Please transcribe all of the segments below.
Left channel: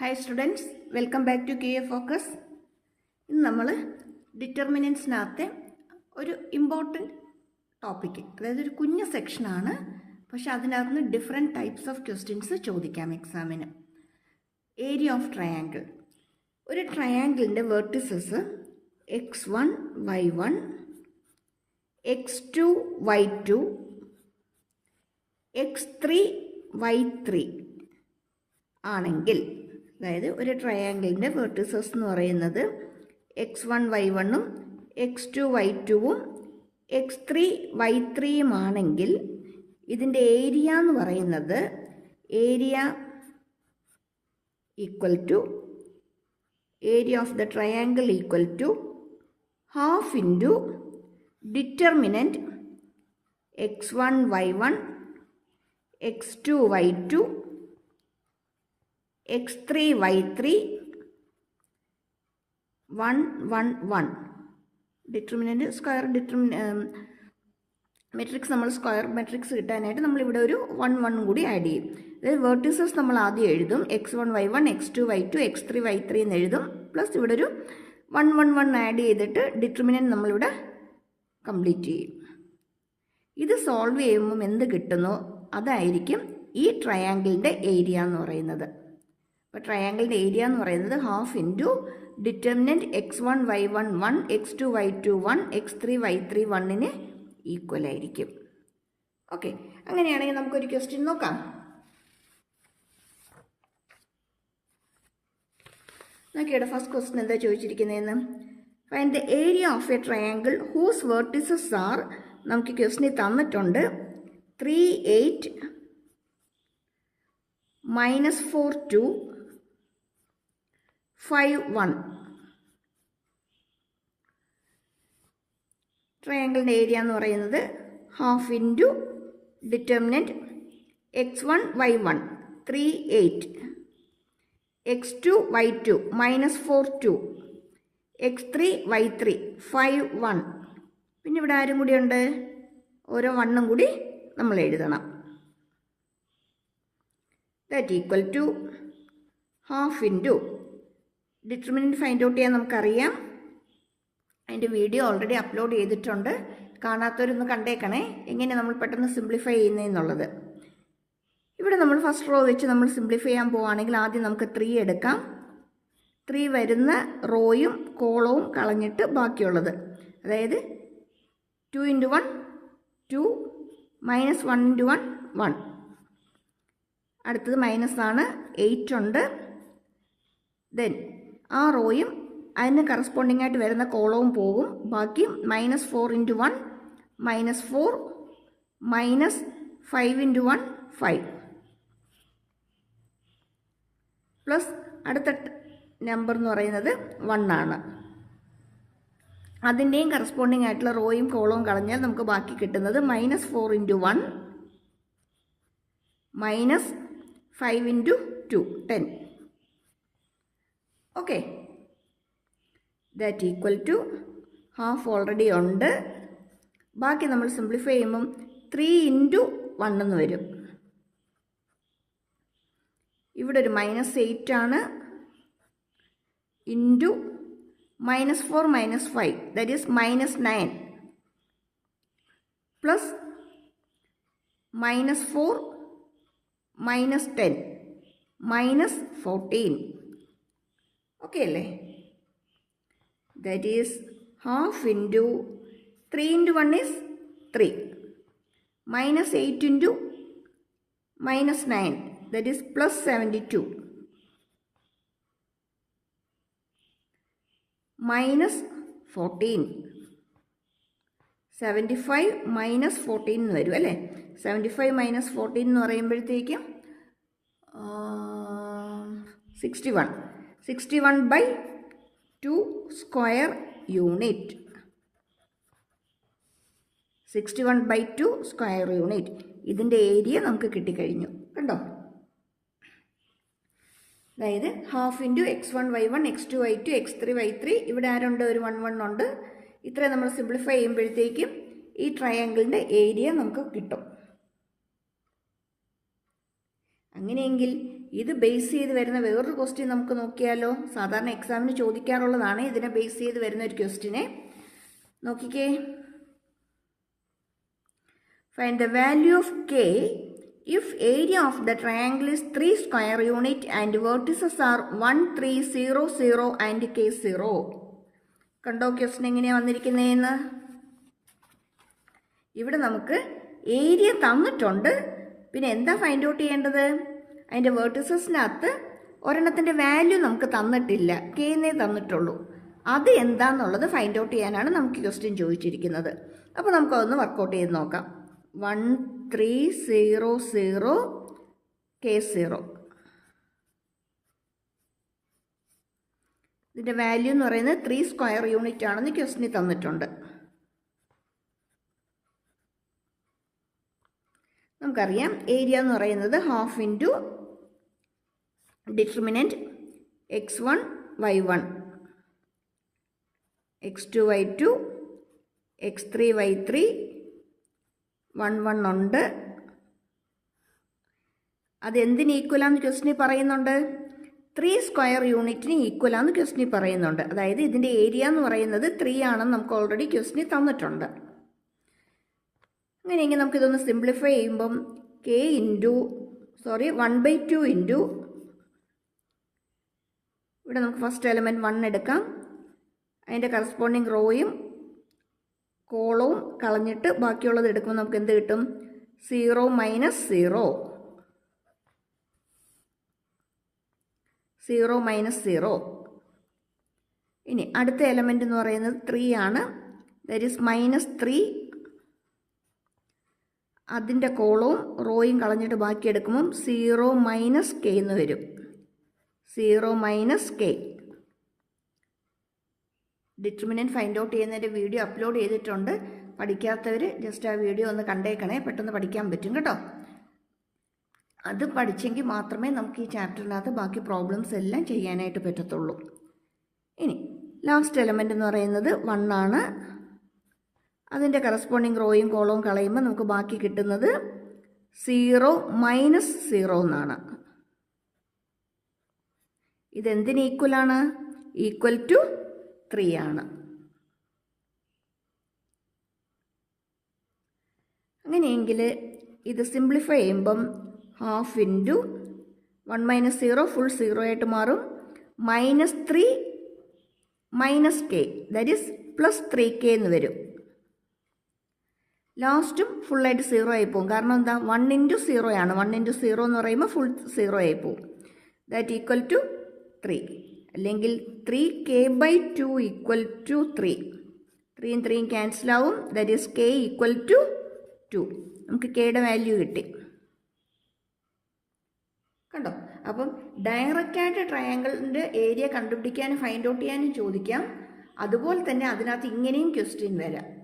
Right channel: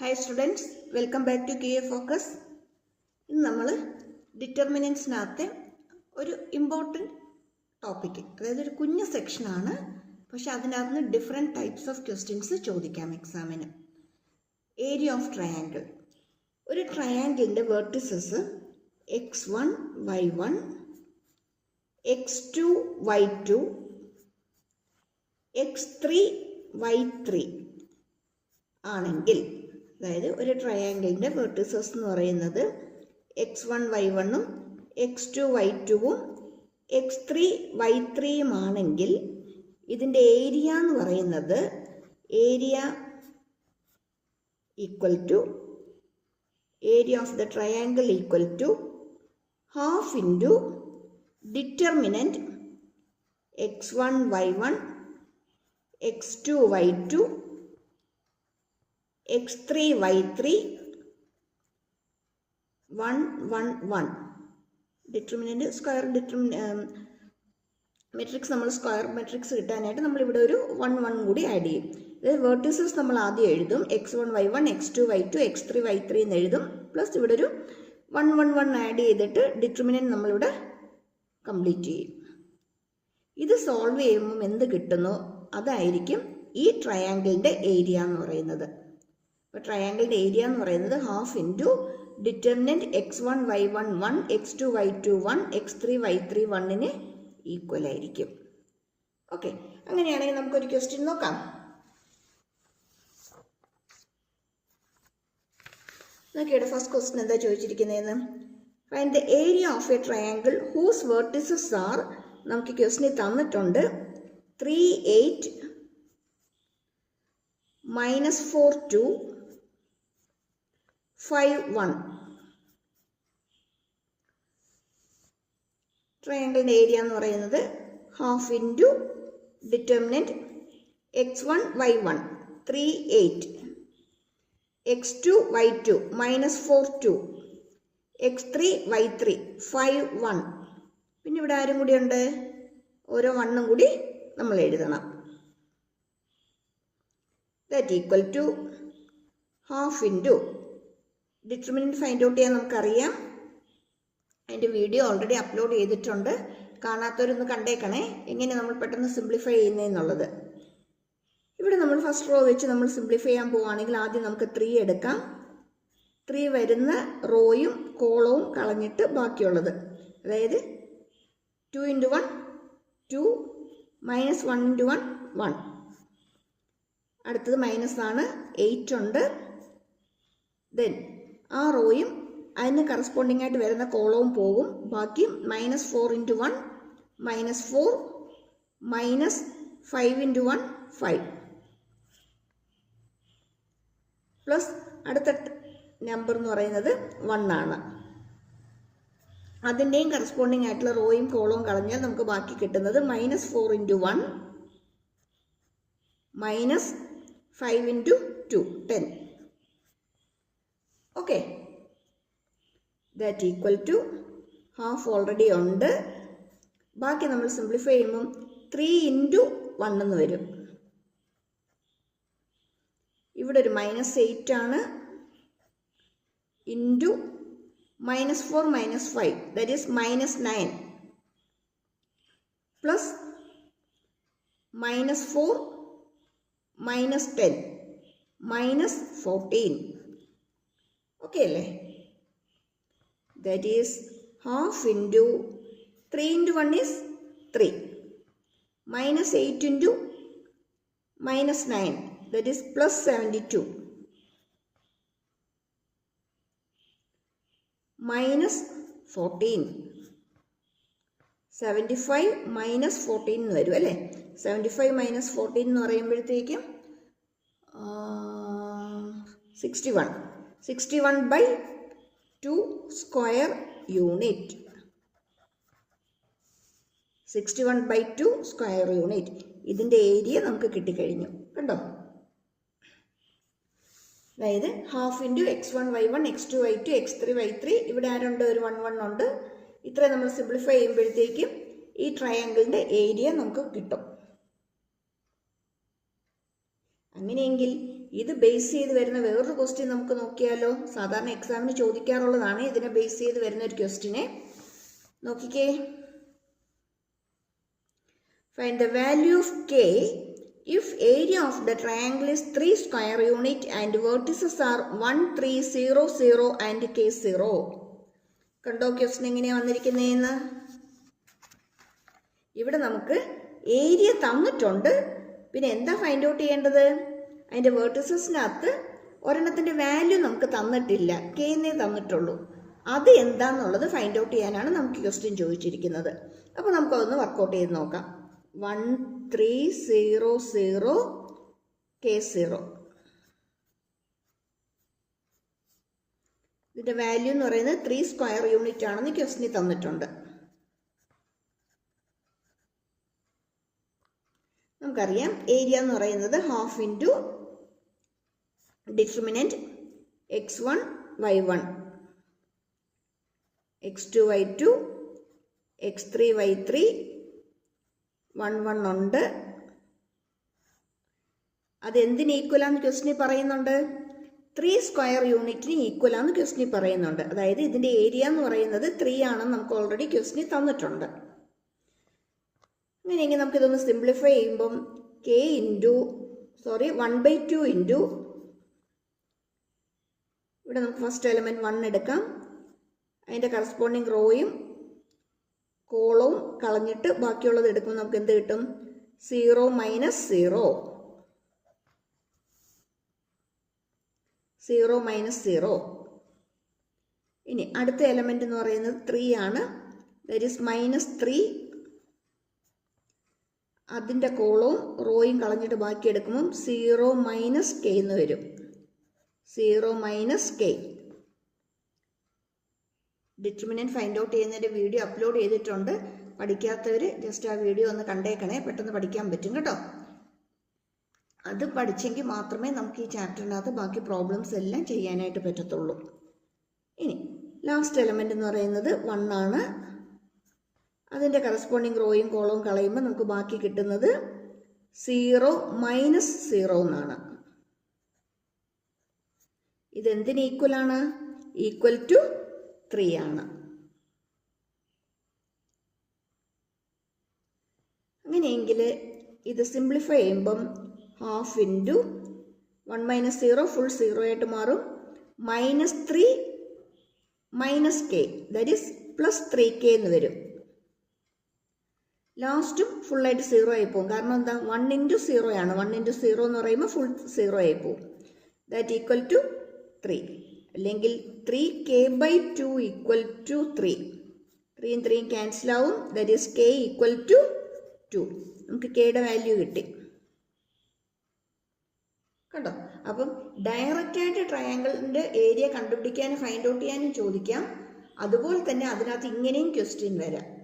Hi students welcome back to K A focus ഇന്ന് നമ്മൾ ഡിറ്റർമിനൻസിനകത്തെ ഒരു ഇമ്പോർട്ടന്റ് ടോപ്പിക്ക് അതായത് ഒരു കുഞ്ഞ സെക്ഷനാണ് പക്ഷെ അതിനകത്ത് നിന്ന് ഡിഫറെന്റ് ടൈപ്സ് ഓഫ് ക്വസ്റ്റ്യൻസ് ചോദിക്കാം എക്സാമിന് ഏരിയ ഓഫ് ട്രയാങ്കിൾ ഒരു ട്രയാങ്കിളിന്റെ vertices x one y one x two y two x three y three ആണെങ്കിൽ അതായത് ഒരു ട്രയാങ്കിളിന്റെ വെർട്ടിസസ് എന്ന് പറയുന്നത് x one y one x two y ടുവും എക്സ് ത്രീ വൈ ത്രീയുമാണെങ്കിൽ ഇതിന്റെ ഏരിയ എന്ന് പറയുന്നത് area equal to area of the triangle equal to half into determinant x one y one x two y two x three y three one one one determinant square determinant matrix നമ്മൾ square matrix കിട്ടാനായിട്ട് നമ്മൾ ഇവിടെ ഒരു one one കൂടി add ചെയ്യും. അതായത് vertices നമ്മൾ ആദ്യം എഴുതും. X one y one x two y two x three y three എന്ന് എഴുതും. പ്ലസ് ഇവിടെ ഒരു വൺ വൺ വൺ ആഡ് ചെയ്തിട്ട് ഡിറ്റർമിനന്റ് നമ്മളിവിടെ കംപ്ലീറ്റ് ചെയ്യും. ഇത് സോൾവ് ചെയ്യുമ്പം എന്ത് കിട്ടുന്നു? അതായിരിക്കും ഈ ട്രയാങ്കിളിന്റെ ഏരിയ എന്ന് പറയുന്നത്. അപ്പോൾ ട്രയാങ്കിളിന്റെ ഏരിയ എന്ന് പറയുന്നത് half into determinant x one y one one x two y two one x three y three വണ്ണിന് ഈക്വൽ ആയിരിക്കും. ഓക്കെ അങ്ങനെയാണെങ്കിൽ നമുക്കൊരു ക്വസ്റ്റ്യൻ നോക്കാം. നോക്കിയുടെ ഫസ്റ്റ് ക്വസ്റ്റ്യൻ എന്താ ചോദിച്ചിരിക്കുന്നതെന്ന്? Find the area of a triangle whose vertices are നമുക്ക് ക്വസ്റ്റിന് തന്നിട്ടുണ്ട്. Three eight minus four two five one. ട്രയാങ്കിളിന്റെ ഏരിയ എന്ന് പറയുന്നത് half into determinant x one y one three eight. X two y two minus four two. X three y three five one. പിന്നെ ഇവിടെ ആരും കൂടി ഉണ്ട്? ഓരോ വണ്ണും കൂടി നമ്മൾ എഴുതണം. That equal to half into determinant find out ചെയ്യാൻ നമുക്കറിയാം. അതിന്റെ വീഡിയോ ഓൾറെഡി അപ്ലോഡ് ചെയ്തിട്ടുണ്ട്. കാണാത്തവരൊന്ന് കണ്ടേക്കണേ. എങ്ങനെ നമ്മൾ പെട്ടെന്ന് സിംപ്ലിഫൈ ചെയ്യുന്നതെന്നുള്ളത് ഇവിടെ നമ്മൾ ഫസ്റ്റ് റോ വെച്ച് നമ്മൾ സിംപ്ലിഫൈ ചെയ്യാൻ പോവുകയാണെങ്കിൽ ആദ്യം നമുക്ക് ത്രീ എടുക്കാം. ത്രീ വരുന്ന റോയും കോളവും കളഞ്ഞിട്ട് ബാക്കിയുള്ളത്. അതായത് two into one two minus one into one one അടുത്തത് മൈനസ് ആണ്. എയ്റ്റ് ഉണ്ട്. ദെൻ ആ റോയും അതിന് കറസ്പോണ്ടിങ് ആയിട്ട് വരുന്ന കോളവും പോകും. ബാക്കി minus four into one minus four minus five into one five plus അടുത്ത നമ്പർ എന്ന് പറയുന്നത് വൺ ആണ്. അതിന്റെയും കറസ്പോണ്ടിങ് ആയിട്ടുള്ള റോയും കോളവും കളഞ്ഞാൽ നമുക്ക് ബാക്കി കിട്ടുന്നത് minus four into one minus five into two ten okay that equal to half already ഉണ്ട്. ബാക്കി നമ്മൾ സിംപ്ലിഫൈ ചെയ്യുമ്പം ത്രീ ഇന്റു വൺ എന്ന് വരും. ഇവിടെ ഒരു മൈനസ് എയ്റ്റ് ആണ്. Into minus four minus five that is minus nine plus minus four minus ten minus fourteen okay അല്ലേ that is half into three into one is three minus eight into minus nine that is plus seventy two minus fourteen seventy five minus fourteen എന്ന് വരും അല്ലേ? Seventy five minus fourteen എന്ന് പറയുമ്പോഴത്തേക്കും sixty one sixty one by two square unit. Sixty one by two square unit. ഇതിന്റെ area നമുക്ക് കിട്ടിക്കഴിഞ്ഞു. കണ്ടോ? അതായത് half into x one y one x two y two x three y three ഇവിടെ ആരുണ്ട്? ഒരു വൺ വൺ ഉണ്ട്. ഇത്ര നമ്മൾ സിംപ്ലിഫൈ ചെയ്യുമ്പോഴത്തേക്കും ഈ ട്രയാങ്കിളിന്റെ ഏരിയ നമുക്ക് കിട്ടും. അങ്ങനെയെങ്കിൽ ഇത് ബേസ് ചെയ്ത് വരുന്ന വേറൊരു ക്വസ്റ്റ്യൻ നമുക്ക് നോക്കിയാലോ? സാധാരണ എക്സാമിന് ചോദിക്കാറുള്ളതാണ് ഇതിനെ ബേസ് ചെയ്ത് വരുന്ന ഒരു ക്വസ്റ്റ്യനെ നോക്കിക്കേ. Find the value of K if area of the triangle is three square unit and vertices are one three zero zero and K zero കണ്ടോ ക്വസ്റ്റ്യൻ എങ്ങനെയാണ് വന്നിരിക്കുന്നതെന്ന്? ഇവിടെ നമുക്ക് ഏരിയ തന്നിട്ടുണ്ട്. പിന്നെ എന്താ ഫൈൻഡ് ഔട്ട് ചെയ്യേണ്ടത്? അതിന്റെ വേർട്ടിസസിനകത്ത് ഒരെണ്ണത്തിന്റെ വാല്യൂ നമുക്ക് തന്നിട്ടില്ല. കെന്നേ തന്നിട്ടുള്ളൂ. അത് എന്താണെന്നുള്ളത് ഫൈൻഡ് ഔട്ട് ചെയ്യാനാണ് നമുക്ക് ക്വസ്റ്റ്യൻ ചോദിച്ചിരിക്കുന്നത്. അപ്പോൾ നമുക്കതൊന്ന് വർക്കൗട്ട് ചെയ്ത് നോക്കാം. One three zero zero K zero ഇതിന്റെ വാല്യൂ എന്ന് പറയുന്നത് ത്രീ സ്ക്വയർ യൂണിറ്റ് ആണെന്ന് ക്വസ്റ്റിന് തന്നിട്ടുണ്ട്. നമുക്കറിയാം. ഏരിയ എന്ന് പറയുന്നത് half into determinant x one y one. X two y two x three y three one one ഉണ്ട്. അതെന്തിന് ഈക്വലാന്ന് ക്വസ്റ്റിനി പറയുന്നുണ്ട്? ത്രീ സ്ക്വയർ യൂണിറ്റിന് ഈക്വലാന്ന് ക്വസ്റ്റിനി പറയുന്നുണ്ട്. അതായത് ഇതിന്റെ ഏരിയ എന്ന് പറയുന്നത് ത്രീ ആണെന്ന് നമുക്ക് ഓൾറെഡി ക്വസ്റ്റിനി തന്നിട്ടുണ്ട്. അങ്ങനെയെങ്കിൽ നമുക്കിതൊന്ന് സിംപ്ലിഫൈ ചെയ്യുമ്പം K into sorry one by two into ഇവിടെ നമുക്ക് ഫസ്റ്റ് എലമെന്റ് വൺ എടുക്കാം. അതിന്റെ കറസ്പോണ്ടിങ് റോയും കോളവും കളഞ്ഞിട്ട് ബാക്കിയുള്ളത് എടുക്കുമ്പോൾ നമുക്ക് എന്ത് കിട്ടും? Zero minus zero zero minus zero ഇനി അടുത്ത എലമെന്റ് എന്ന് പറയുന്നത് ത്രീ ആണ്. ദറ്റ് ഈസ് മൈനസ് ത്രീ അതിന്റെ കോളവും റോയും കളഞ്ഞിട്ട് ബാക്കി എടുക്കുമ്പം സീറോ മൈനസ് കെ എന്ന് വരും. Zero minus K. Determinant find out ചെയ്യുന്നതിന്റെ വീഡിയോ അപ്ലോഡ് ചെയ്തിട്ടുണ്ട്. പഠിക്കാത്തവർ ജസ്റ്റ് ആ വീഡിയോ ഒന്ന് കണ്ടേക്കണേ. പെട്ടെന്ന് പഠിക്കാൻ പറ്റും കേട്ടോ. അത് പഠിച്ചെങ്കിൽ മാത്രമേ നമുക്ക് ഈ ചാപ്റ്ററിനകത്ത് ബാക്കി പ്രോബ്ലംസ് എല്ലാം ചെയ്യാനായിട്ട് പറ്റത്തുള്ളൂ. ഇനി ലാസ്റ്റ് എലമെന്റ് എന്ന് പറയുന്നത് വൺ ആണ്. അതിന്റെ കറസ്പോണ്ടിങ് റോയും കോളവും കളയുമ്പോൾ നമുക്ക് ബാക്കി കിട്ടുന്നത് സീറോ മൈനസ് സീറോ എന്നാണ്. ഇതെന്തിന് ഈക്വലാണ് ഈക്വൽ ടു ത്രീ ആണ്. അങ്ങനെയെങ്കിൽ ഇത് സിംപ്ലിഫൈ ചെയ്യുമ്പം half into one minus zero full zero ആയിട്ട് മാറും. Minus three minus K that is plus three K എന്ന് വരും. ലാസ്റ്റും ഫുള്ളായിട്ട് സീറോ ആയി പോകും കാരണം എന്താ? വൺ ഇന്റു സീറോ ആണ്. വൺ ഇന്റു സീറോ എന്ന് പറയുമ്പോൾ ഫുൾ സീറോ ആയി പോകും ദാറ്റ് ഈക്വൽ ടു ത്രീ അല്ലെങ്കിൽ three K by two equal to three ത്രീയും ത്രീയും ക്യാൻസൽ ആവും. That is K equal to two നമുക്ക് കെയുടെ വാല്യൂ കിട്ടി. കണ്ടോ? അപ്പം ഡയറക്റ്റായിട്ട് ട്രയാങ്കിളിന്റെ ഏരിയ കണ്ടുപിടിക്കാനും ഫൈൻഡ് ഔട്ട് ചെയ്യാനും ചോദിക്കാം. അതുപോലെ തന്നെ അതിനകത്ത് ഇങ്ങനെയും ക്വസ്റ്റ്യൻ വരാം.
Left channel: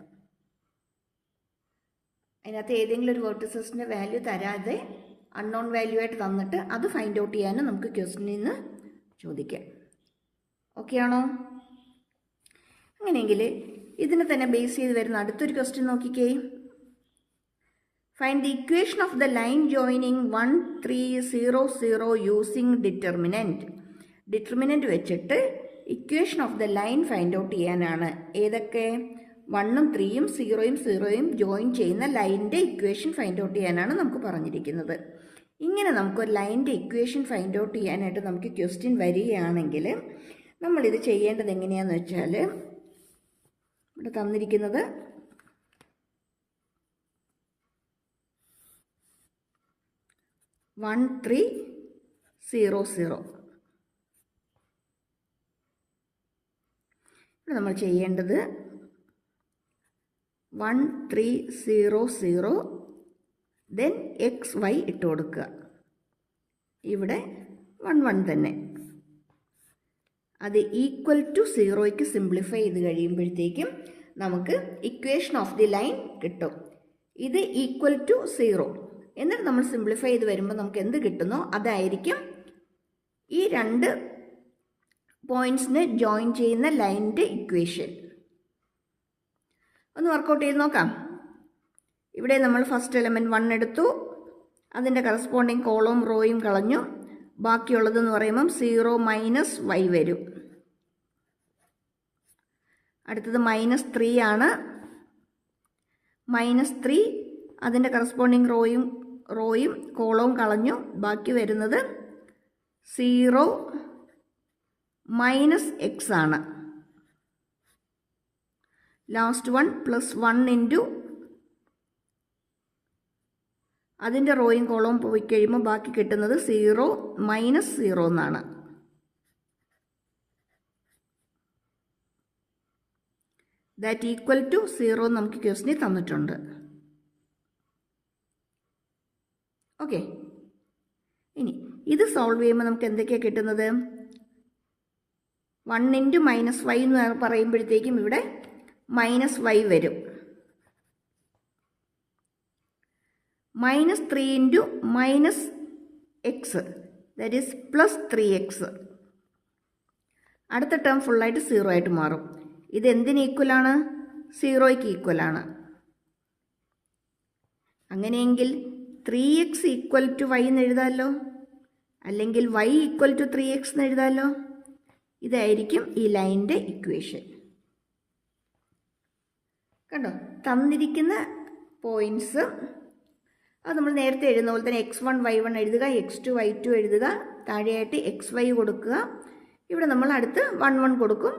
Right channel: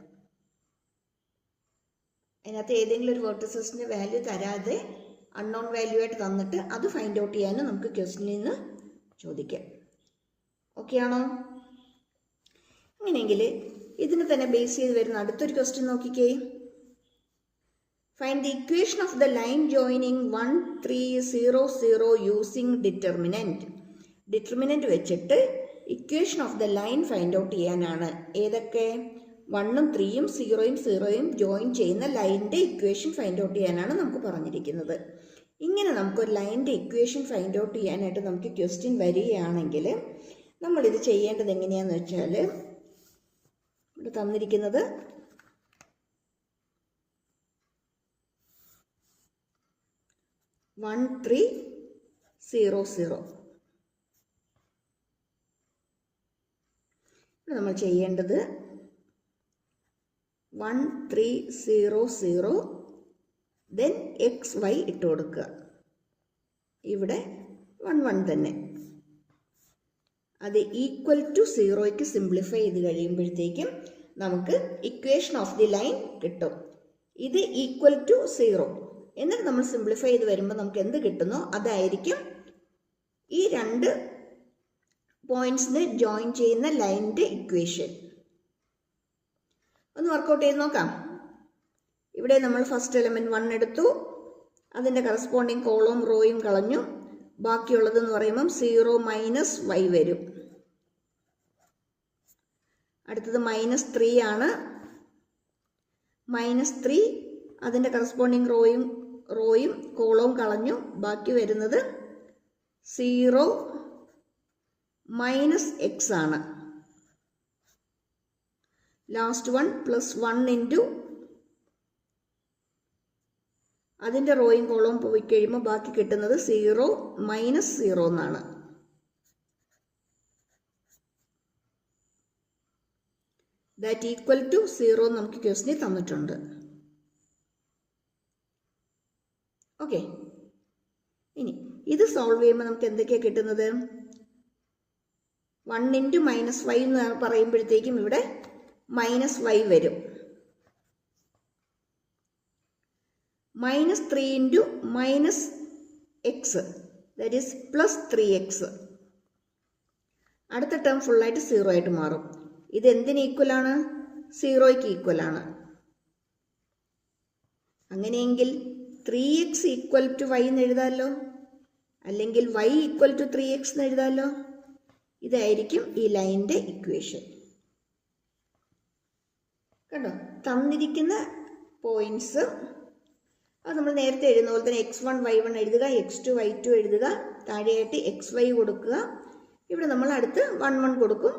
അതിനകത്ത് ഏതെങ്കിലും ഒരു വേർട്ടസസിന്റെ വാല്യൂ തരാതെ അൺനോൺ വാല്യൂ ആയിട്ട് തന്നിട്ട് അത് ഫൈൻഡ് ഔട്ട് ചെയ്യാനും നമുക്ക് ക്വസ്റ്റ്യനിൽ നിന്ന് ചോദിക്കാം. ഓക്കെ ആണോ? അങ്ങനെയെങ്കിൽ ഇതിനെ തന്നെ ബേസ് ചെയ്ത് വരുന്ന അടുത്തൊരു ക്വസ്റ്റ്യൻ നോക്കിക്കേ. Find the equation of the line joining one three zero zero using determinant determinant വെച്ചിട്ട് equation of the line find out ചെയ്യാനാണ്. ഏതൊക്കെ? വണ്ണും ത്രീയും സീറോയും സീറോയും ജോയിൻ ചെയ്യുന്ന ലൈനിന്റെ ഇക്വേഷൻ ഫൈൻഡ് ഔട്ട് ചെയ്യാനാണ് നമുക്ക് പറഞ്ഞിരിക്കുന്നത്. ഇങ്ങനെ നമുക്കൊരു ലൈന്റെ ഇക്വേഷൻ ഫൈൻഡ് ഔട്ട് ചെയ്യാനായിട്ട് നമുക്ക് ക്വസ്റ്റ്യൻ വരികയാണെങ്കിൽ നമ്മളിത് ചെയ്യേണ്ടത് എങ്ങനെയാണെന്ന് വെച്ചാൽ ഇവിടെ തന്നിരിക്കുന്നത് വൺ ത്രീ സീറോ സീറോ നമ്മൾ ചെയ്യേണ്ടത് one three zero zero then x y ഇട്ട് കൊടുക്കുക. ഇവിടെ വൺ വൺ തന്നെ. അത് ഈക്വൽ ടു സീറോയ്ക്ക് സിംപ്ലിഫൈ ചെയ്ത് കഴിയുമ്പോഴത്തേക്കും നമുക്ക് ഇക്വേഷൻ ഓഫ് ദി ലൈൻ കിട്ടും. ഇത് ഈക്വൽ ടു സീറോ എന്നിട്ട് നമ്മൾ സിംപ്ലിഫൈ ചെയ്ത് വരുമ്പോൾ നമുക്ക് എന്ത് കിട്ടുന്നോ അതായിരിക്കും ഈ രണ്ട് പോയിന്റ്സിനെ ജോയിൻ ചെയ്യുന്ന ലൈനിന്റെ ഇക്വേഷൻ ഒന്ന് വർക്കൗട്ട് ചെയ്ത് നോക്കാം. ഇവിടെ നമ്മൾ ഫസ്റ്റ് എലമെന്റ് വൺ എടുത്തു. അതിന്റെ കറസ്പോണ്ടിങ് കോളവും റോയും കളഞ്ഞു. ബാക്കിയുള്ളതെന്ന് പറയുമ്പം സീറോ മൈനസ് വൈ വരും. അടുത്തത് മൈനസ് ത്രീ ആണ്. മൈനസ് ത്രീ അതിന്റെ കറസ്പോണ്ടിങ് റോയും റോയും കോളവും കളഞ്ഞു. ബാക്കി വരുന്നത് സീറോ മൈനസ് എക്സ് ആണ്. Last one plus one into അതിന്റെ റോയും കോളവും പോയി കഴിയുമ്പോൾ ബാക്കി കിട്ടുന്നത് സീറോ മൈനസ് സീറോ എന്നാണ്. ദാറ്റ് ഈക്വൽ ടു സീറോ നമുക്ക് ക്വസ്റ്റിന് തന്നിട്ടുണ്ട്. ഓക്കെ ഇനി ഇത് സോൾവ് ചെയ്യുമ്പോൾ നമുക്ക് എന്തൊക്കെയാണ് കിട്ടുന്നത്? വൺ ഇന്റു മൈനസ് ഫൈവ് എന്ന് പറയുമ്പോഴത്തേക്കും ഇവിടെ മൈനസ് ഫൈവ് വരും. Minus three into minus x that is plus three x അടുത്ത ടേം ഫുള്ളായിട്ട് സീറോ ആയിട്ട് മാറും. ഇത് എന്തിന് ഈക്വലാണ് സീറോയ്ക്ക് ഈക്വലാണ് അങ്ങനെയെങ്കിൽ three x equal to y എന്ന് എഴുതാമല്ലോ അല്ലെങ്കിൽ y equal to three x എന്ന് എഴുതാമല്ലോ ഇതായിരിക്കും ഈ ലൈന്റെ ഇക്വേഷൻ കണ്ടോ? തന്നിരിക്കുന്ന പോയിന്റ്സ് അത് നമ്മൾ നേരത്തെ എഴുതുന്ന പോലെ തന്നെ എക്സ് വൺ വൈ വൺ എഴുതുക എക്സ് ടു വൈ ടു എഴുതുക താഴെയായിട്ട് എക്സ് വൈ കൊടുക്കുക. ഇവിടെ നമ്മൾ അടുത്ത് വൺ വൺ കൊടുക്കും.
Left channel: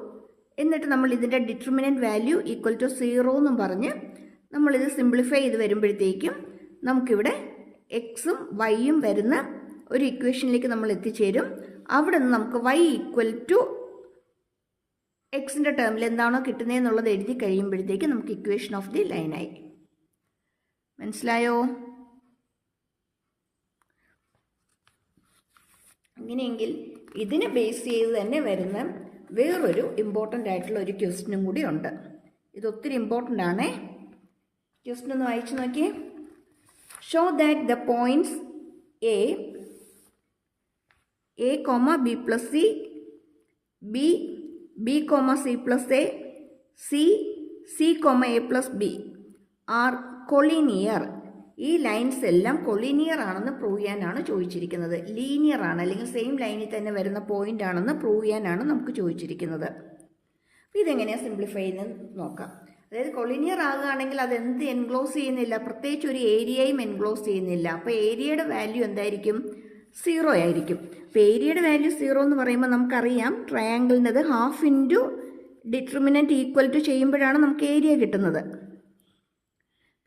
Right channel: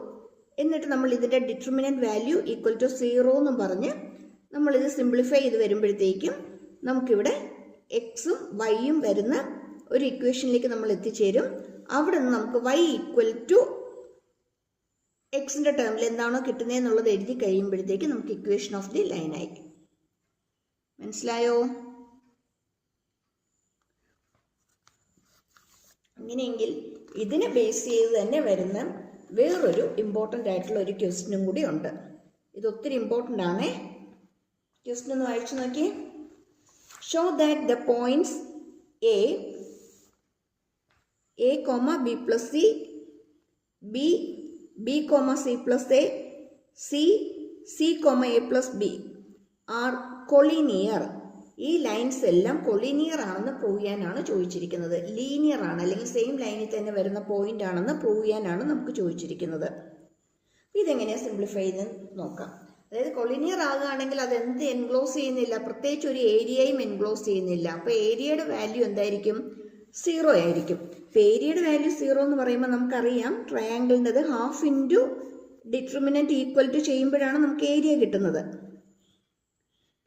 എന്നിട്ട് നമ്മൾ ഇതിന്റെ determinant value equal to zero എന്നും പറഞ്ഞ് നമ്മളിത് സിംപ്ലിഫൈ ചെയ്ത് വരുമ്പോഴത്തേക്കും നമുക്കിവിടെ എക്സും വൈയും വരുന്ന ഒരു ഇക്വേഷനിലേക്ക് നമ്മൾ എത്തിച്ചേരും. അവിടെ നിന്ന് നമുക്ക് വൈ ഈക്വൽ ടു എക്സിന്റെ ടേമിൽ എന്താണോ കിട്ടുന്നതെന്നുള്ളത് എഴുതി കഴിയുമ്പോഴത്തേക്ക് നമുക്ക് ഇക്വേഷൻ ഓഫ് ദി ലൈനായി മനസ്സിലായോ? അങ്ങനെയെങ്കിൽ ഇതിനെ ബേസ് ചെയ്ത് തന്നെ വരുന്ന വേറൊരു ഇമ്പോർട്ടന്റ് ആയിട്ടുള്ള ഒരു ക്വസ്റ്റിനും കൂടി ഉണ്ട്. ഇത് ഒത്തിരി ഇമ്പോർട്ടന്റ് ആണേ. ക്വസ്റ്റൻ ഒന്ന് വായിച്ചു നോക്കിയേ. Show that the points A A comma B plus C B B comma C plus A C C comma A plus B are collinear ഈ ലൈൻസ് എല്ലാം കൊളീനിയർ ആണെന്ന് പ്രൂവ് ചെയ്യാനാണ് ചോദിച്ചിരിക്കുന്നത്. ലീനിയർ ആണ് അല്ലെങ്കിൽ സെയിം ലൈനിൽ തന്നെ വരുന്ന പോയിന്റ് ആണെന്ന് പ്രൂവ് ചെയ്യാനാണ് നമുക്ക് ചോദിച്ചിരിക്കുന്നത്. ഇതെങ്ങനെയാണ് സിംപ്ലിഫൈ ചെയ്ത് നോക്കാം. അതായത് കൊളീനിയർ ആകുകയാണെങ്കിൽ അത് എന്ത് എൻക്ലോസ് ചെയ്യുന്നില്ല? പ്രത്യേകിച്ച് ഒരു ഏരിയയും എൻക്ലോസ് ചെയ്യുന്നില്ല. അപ്പോൾ ഏരിയയുടെ വാല്യൂ എന്തായിരിക്കും? സീറോ ആയിരിക്കും. അപ്പോൾ ഏരിയയുടെ വാല്യൂ സീറോ എന്ന് പറയുമ്പോൾ നമുക്കറിയാം ട്രയാങ്കിളിന്റെത് half into determinant equal to ചെയ്യുമ്പോഴാണ് നമുക്ക് ഏരിയ കിട്ടുന്നത്.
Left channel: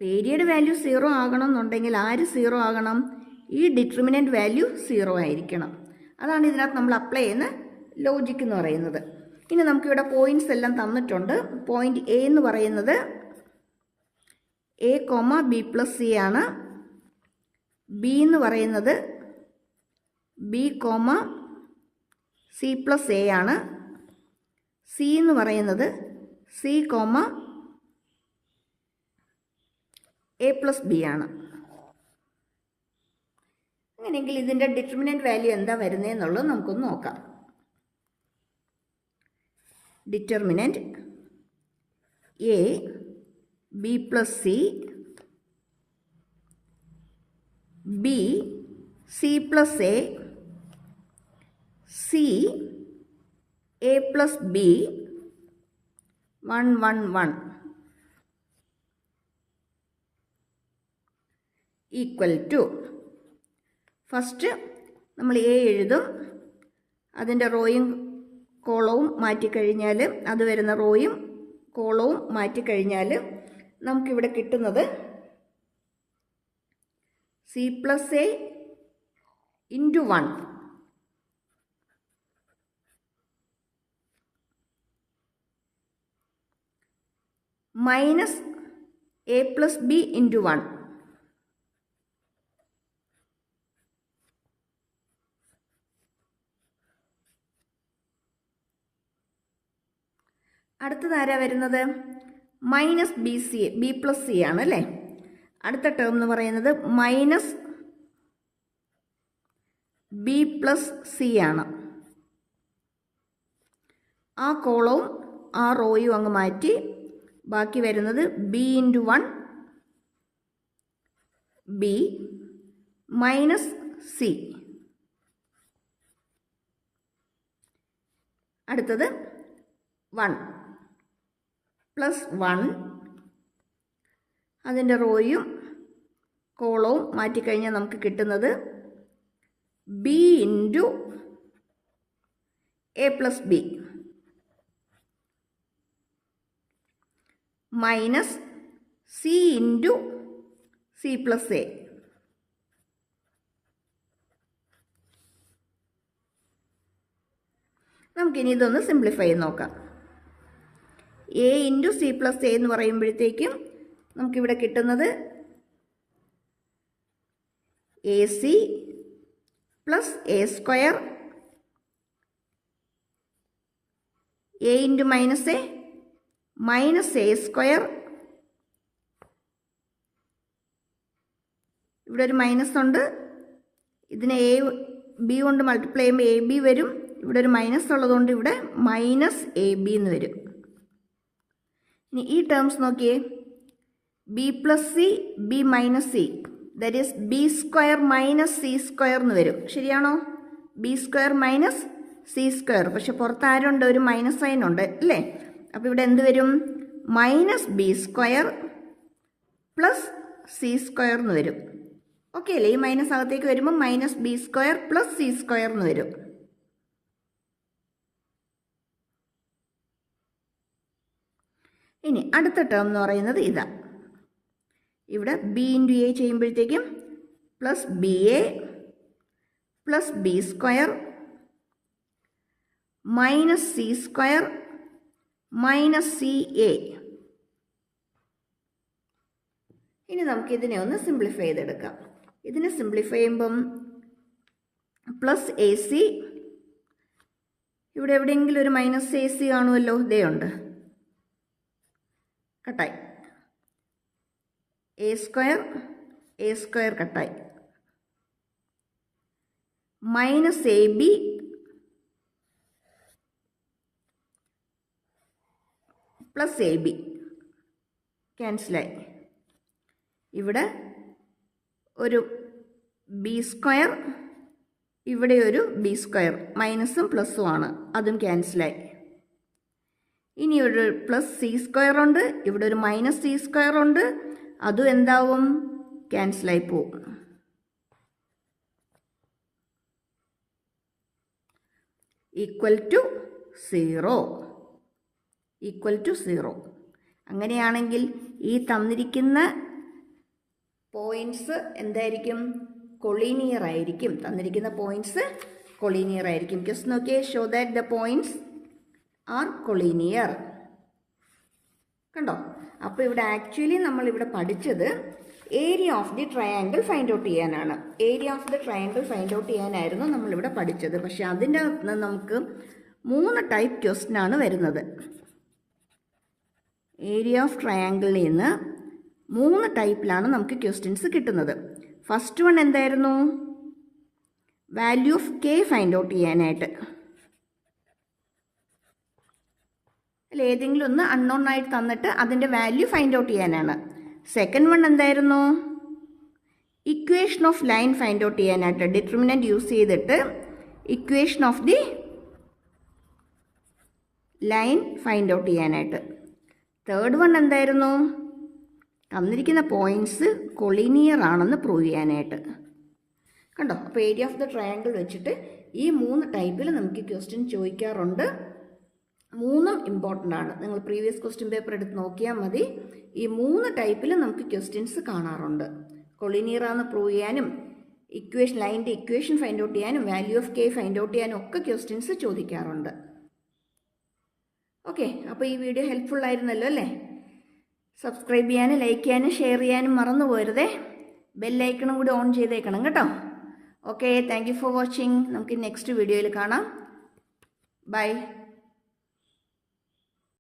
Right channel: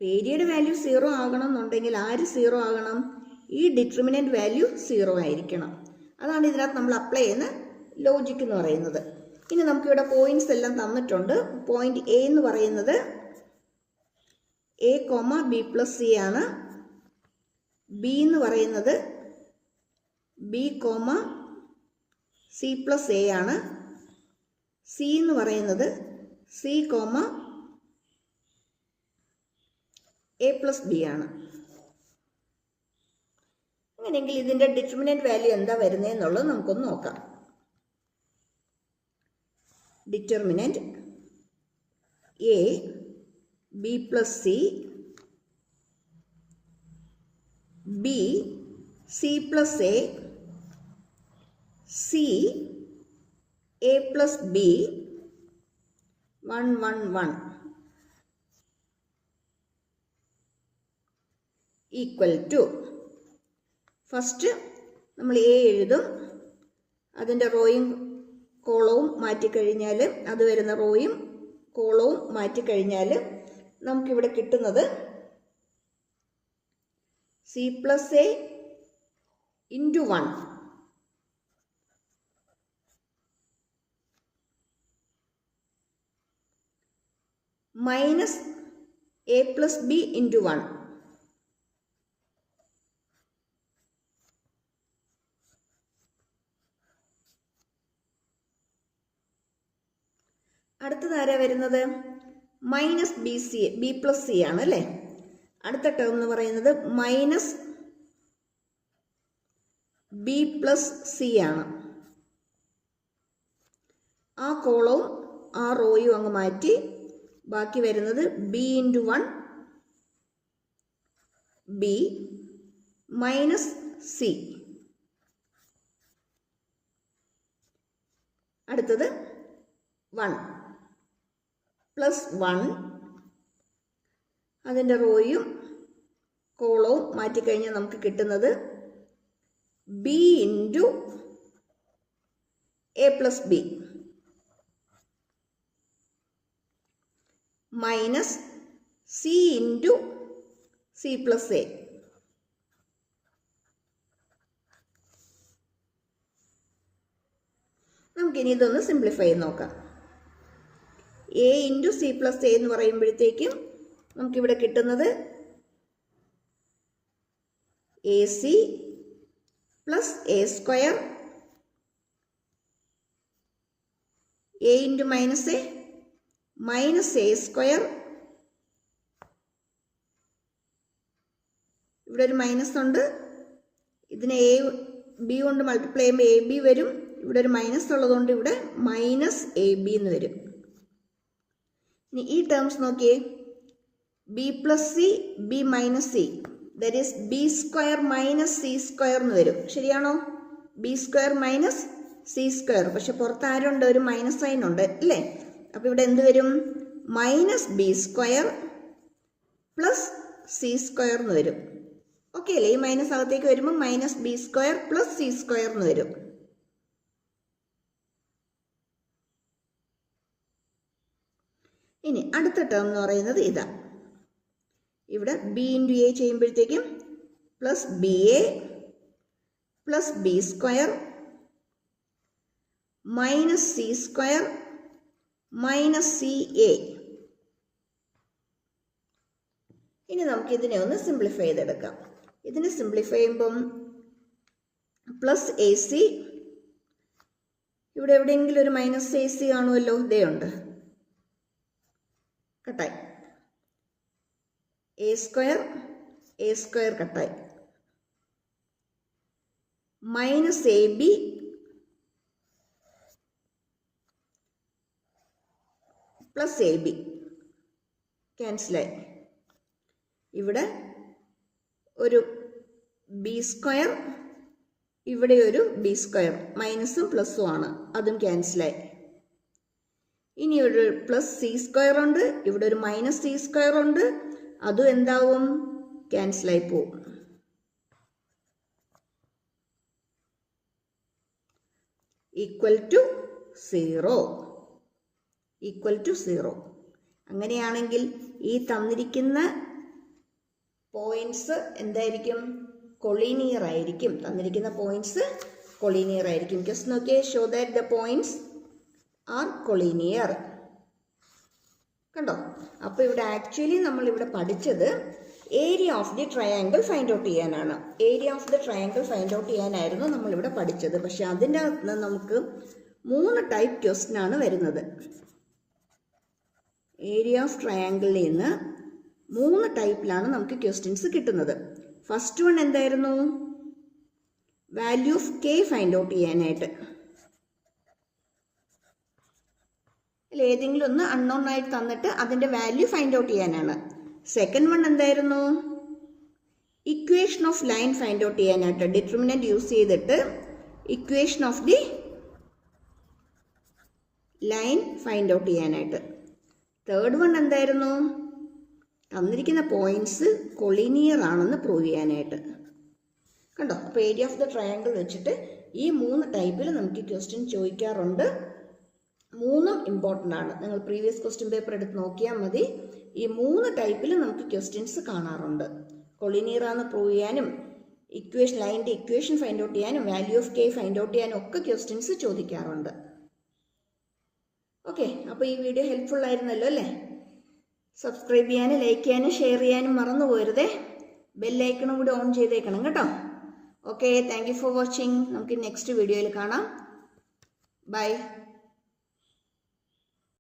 ഏരിയയുടെ വാല്യൂ സീറോ ആകണം എന്നുണ്ടെങ്കിൽ ആര് സീറോ ആകണം? ഈ ഡിറ്റർമിനന്റ് വാല്യൂ സീറോ ആയിരിക്കണം. അതാണ് ഇതിനകത്ത് നമ്മൾ അപ്ലൈ ചെയ്യുന്ന ലോജിക് എന്ന് പറയുന്നത്. ഇനി നമുക്കിവിടെ പോയിന്റ്സ് എല്ലാം തന്നിട്ടുണ്ട്. പോയിന്റ് എ എന്ന് പറയുന്നത് a comma b plus c ആണ്. ബി എന്ന് പറയുന്നത് b comma c plus a ആണ്. സി എന്ന് പറയുന്നത് c comma a plus b ആണ്. അങ്ങനെയെങ്കിൽ ഇതിന്റെ ഡിറ്റർമിനന്റ് വാല്യൂ എന്താ വരുന്നതെന്നുള്ളത് നമുക്കൊന്ന് നോക്കാം. Determinant a b plus c b c plus a c a plus b one one one equal to first നമ്മൾ എ എഴുതും. അതിന്റെ റോയും കോളവും മാറ്റിക്കഴിഞ്ഞാൽ അത് വരുന്ന റോയും കോളവും മാറ്റിക്കഴിഞ്ഞാൽ നമുക്കിവിടെ കിട്ടുന്നത് c plus a into one minus a plus b into one അടുത്തത് ആരാ വരുന്നത്? Minus b c b plus c ആണ് അല്ലേ? അടുത്ത ടേം എന്ന് പറയുന്നത് മൈനസ് ബി പ്ലസ് സി ആണ്. ആ കോളവും ആ റോയും അങ്ങ് മാറ്റി ബാക്കി വരുന്നത് b into one b minus c അടുത്തത് വൺ പ്ലസ് വൺ അതിന്റെ റോയും കോളവും മാറ്റിക്കഴിഞ്ഞാൽ നമുക്ക് കിട്ടുന്നത് b into a plus b minus c into c plus a. നമുക്കിനി ഇതൊന്ന് സിംപ്ലിഫൈ ചെയ്ത് നോക്കാം. A into c plus a എന്ന് പറയുമ്പോഴത്തേക്കും നമുക്കിവിടെ കിട്ടുന്നത് a c plus a square a into minus a minus a square ഇവിടെ ഒരു മൈനസ് ഉണ്ട്. ഇതിനെ എ ബി കൊണ്ട് മൾട്ടിപ്ലൈ ചെയ്യുമ്പോൾ എ ബി വരും. ഇവിടെ ഒരു മൈനസ് ഉള്ളതുകൊണ്ട് ഇവിടെ മൈനസ് എ ബി എന്ന് വരും. ഇനി ഈ ടേംസ് നോക്കിയേ. B plus c b minus c that is b square minus c square എന്ന് വരും. ശരിയാണോ? B square minus c square പക്ഷെ പുറത്ത് ആരുണ്ട്? ഒരു മൈനസ് സൈൻ ഉണ്ട് അല്ലേ? അപ്പോൾ ഇവിടെ എന്ത് വരും? Minus b square plus c square എന്ന് വരും. ഓക്കെ അല്ലേ? ഈ മൈനസ് അകത്തേക്ക് വരുമ്പോൾ minus b square plus c square എന്ന് വരും. ഇനി അടുത്ത ടേം എന്ന് പറയുന്നത് ഇതാ. ഇവിടെ ബി ഇന്റു എ ചെയ്യുമ്പോഴത്തേക്കും plus b a plus b square minus c square minus c a ഇനി നമുക്ക് ഇതിനെ ഒന്ന് സിംപ്ലിഫൈ ചെയ്തെടുക്കാം. ഇതിനെ സിംപ്ലിഫൈ ചെയ്യുമ്പം പ്ലസ് എ സി ഇവിടെ എവിടെയെങ്കിലും ഒരു മൈനസ് എ സി കാണുമല്ലോ? ഇതേ ഉണ്ട്. കട്ടായി. എ സ്ക്വയർ എ സ്ക്വയർ കട്ടായി. Minus a b plus a b ക്യാൻസലായി ഇവിടെ ഒരു ബി സ്ക്വയർ ഇവിടെ ഒരു ബി സ്ക്വയർ മൈനസും പ്ലസും ആണ്. അതും ക്യാൻസലായി ഇനി ഒരു പ്ലസ് സി സ്ക്വയർ ഉണ്ട്. ഇവിടെ ഒരു മൈനസ് സി സ്ക്വയർ ഉണ്ട്. അതും എന്താവും? ക്യാൻസലായി പോവും equal to zero equal to zero അങ്ങനെയാണെങ്കിൽ ഈ തന്നിരിക്കുന്ന പോയിന്റ്സ് എന്തായിരിക്കും? കൊളീനിയർ ആയിരിക്കും. തന്നിരിക്കുന്ന പോയിന്റ്സ് കൊളീനിയർ ആയിരിക്കും. ജസ്റ്റ് നോക്കിയേ show that the points are collinear. കണ്ടോ? അപ്പോൾ ഇവിടെ ആക്ച്വലി നമ്മൾ ഇവിടെ പഠിച്ചത് area of the triangle find out ചെയ്യാനാണ്. Area of the triangle find out ചെയ്യാനായിരുന്നു നമ്മളിവിടെ പഠിച്ചത്. പക്ഷെ അതിന്റെ അകത്ത് നമുക്ക് മൂന്ന് ടൈപ്പ് ക്വസ്റ്റ്യൻ ആണ് വരുന്നത്. ഏരിയ ഓഫ് ട്രയാങ്കിളിൽ നിന്ന് മൂന്ന് ടൈപ്പിലാണ് നമുക്ക് ക്വസ്റ്റ്യൻസ് കിട്ടുന്നത്. ഫസ്റ്റ് വൺ എന്തായിരുന്നു? Value of k find out ചെയ്യാനായിട്ട് അല്ല ഏതെങ്കിലും ഒന്ന് അൺനോൺ ആയിട്ട് തന്നിട്ട് അതിന്റെ വാല്യൂ ഫൈൻഡ് ഔട്ട് ചെയ്യാനാണ്. സെക്കൻഡ് വൺ എന്തായിരുന്നു? Equation of line find out ചെയ്യാനായിട്ട് ഡിറ്റർമിനന്റ് യൂസ് ചെയ്തിട്ട് equation of the line find out ചെയ്യാനായിട്ട്. തേർഡ് വൺ എന്തായിരുന്നു? തന്നിരിക്കുന്ന പോയിന്റ്സ് കൊളീനിയർ ആണെന്ന് പ്രൂവ് ചെയ്യാനായിട്ട്. കണ്ടോ? അപ്പോൾ ഏരിയ ഓഫ് ദ ട്രയാങ്കിൾ വെച്ചിട്ട് ഈ മൂന്ന് ടൈപ്പിൽ നമുക്ക് ക്വസ്റ്റ്യൻ ചോദിക്കാറുണ്ട്. മൂന്നും ഇമ്പോർട്ടന്റ് ആണ്. നിങ്ങൾ പ്രീവിയസ് ക്വസ്റ്റ്യൻ പേപ്പർ എടുത്ത് നോക്കിയാൽ മതി. ഈ മൂന്ന് ടൈപ്പിൽ നമുക്ക് ക്വസ്റ്റ്യൻസ് കാണാറുണ്ട്. കൊളിനീറാന്ന് പ്രൂവ് ചെയ്യാനും ഇക്വേഷൻ ലൈന്റെ ഇക്വേഷൻ ഫൈൻഡ് ഔട്ട് ചെയ്യാനും value of k find out ചെയ്യാനും ഒക്കെ ക്വസ്റ്റ്യൻസ് ചോദിക്കാറുണ്ട്. ഓക്കെ അപ്പോൾ ഈ വീഡിയോ ഹെൽപ്ഫുൾ ആയിരുന്നല്ലോ അല്ലേ? സബ്സ്ക്രൈബ് ചെയ്യാനും ലൈക്ക് ചെയ്യാനും ഷെയർ ചെയ്യാനും മറന്നു പോരുതേ. ബെല്ലൈക്കണും കൂടി ഓൺ ചെയ്തേക്കണം കേട്ടോ. Okay thank you for watching നമുക്ക് നെക്സ്റ്റ് വീഡിയോയിൽ കാണാം. ബൈ